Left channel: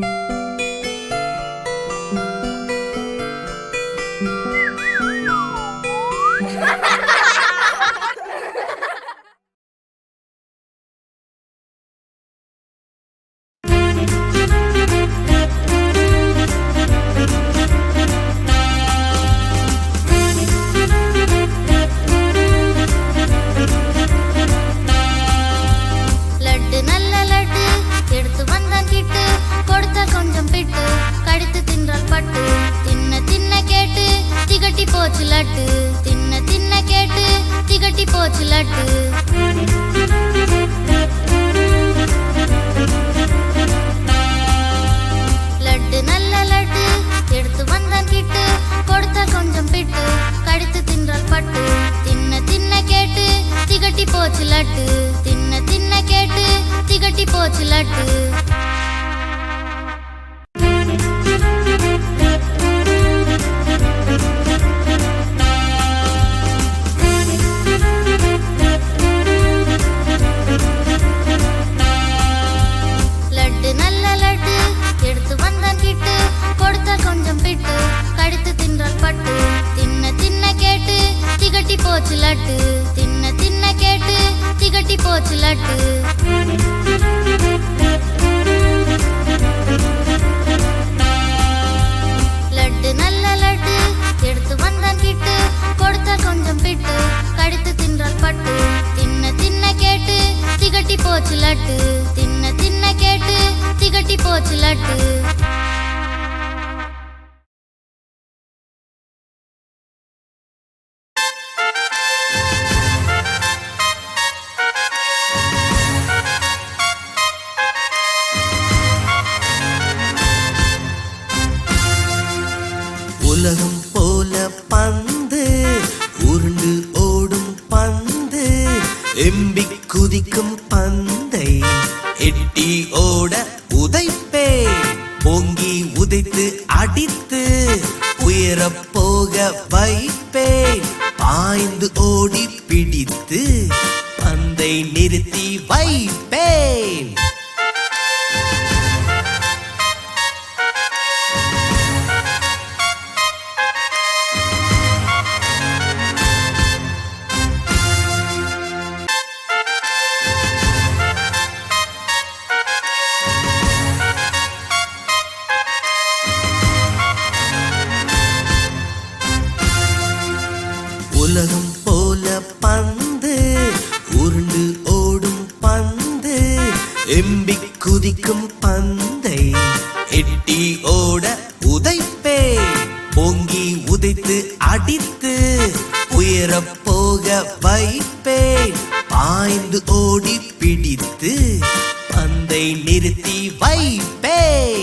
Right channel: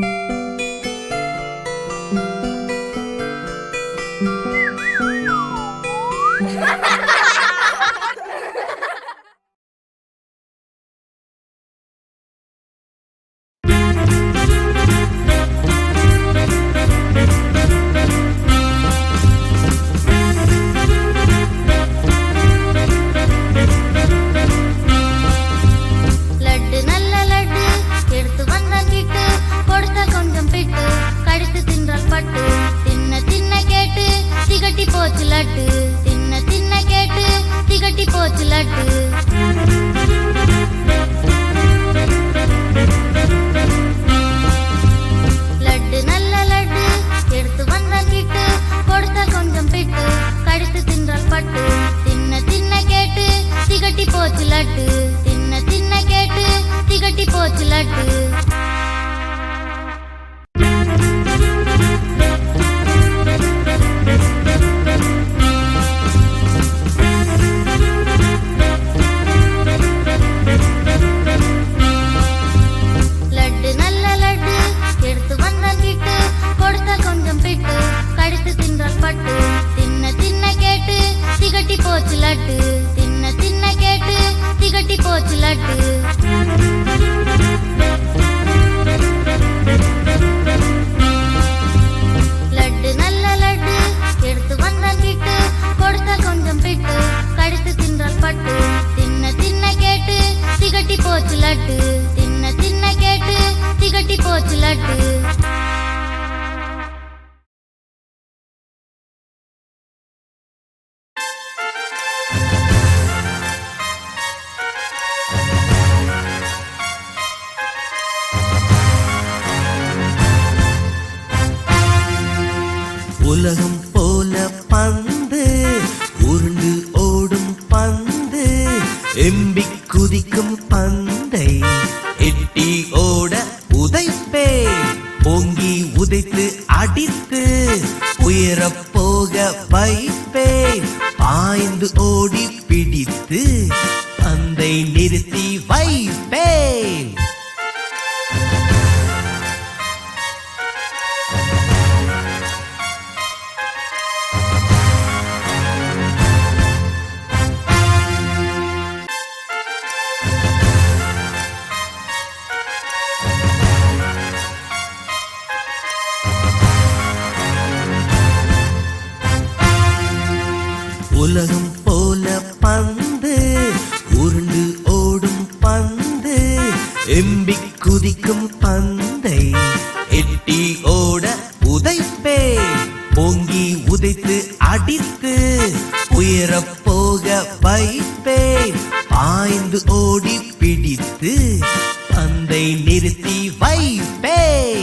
லட்டு திகட்டி போச்சு லட்டு. தின்ன தின்ன கேட்டு திகட்டி போச்சு லட்டு. லட்டு நல்ல லட்டு. எடுத்து வந்தான் கிட்டு கொடுத்த கொஞ்சம் பிட்டு. கடித்து தின்றால் பட்டு. தின்ன தின்ன கேட்டு திகட்டி போச்சு லட்டு. தின்ன தின்ன கேட்டு திகட்டி போச்சு லட்டு. போச்சு லட்டு. தின்ன தின்ன கேட்டு திகட்டி போச்சு லட்டு. லட்டு நல்ல லட்டு. எடுத்து வந்தான் கிட்டு கொடுத்த கொஞ்சம் பிட்டு கடித்து தின்றால் பட்டு. தின்ன தின்ன கேட்டு திகட்டி போச்சு லட்டு. தின்ன தின்ன கேட்டு திகட்டி போச்சு லட்டு. உலகம் போல பந்து உருண்டு ஓடும் பந்து எம்பி குதிக்கும் பந்தை எட்டி ஓட உதைப்பே பொங்கி உதைத்து அடித்து உயரப் போக வைப்பேன் பாய்ந்து ஓடி பிடித்து பந்தை நிறுத்தி வைப்பேன் உலகம் போல பந்து உருண்டு ஓடும் பந்து எம்பி குதிக்கும் பந்தை எட்டி ஓட உதைப்பே பொங்கி உதைத்து அடித்து உயரப் போக வைப்பேன் பாய்ந்து ஓடி பிடித்து பந்தை நிறுத்தி வைப்பேன்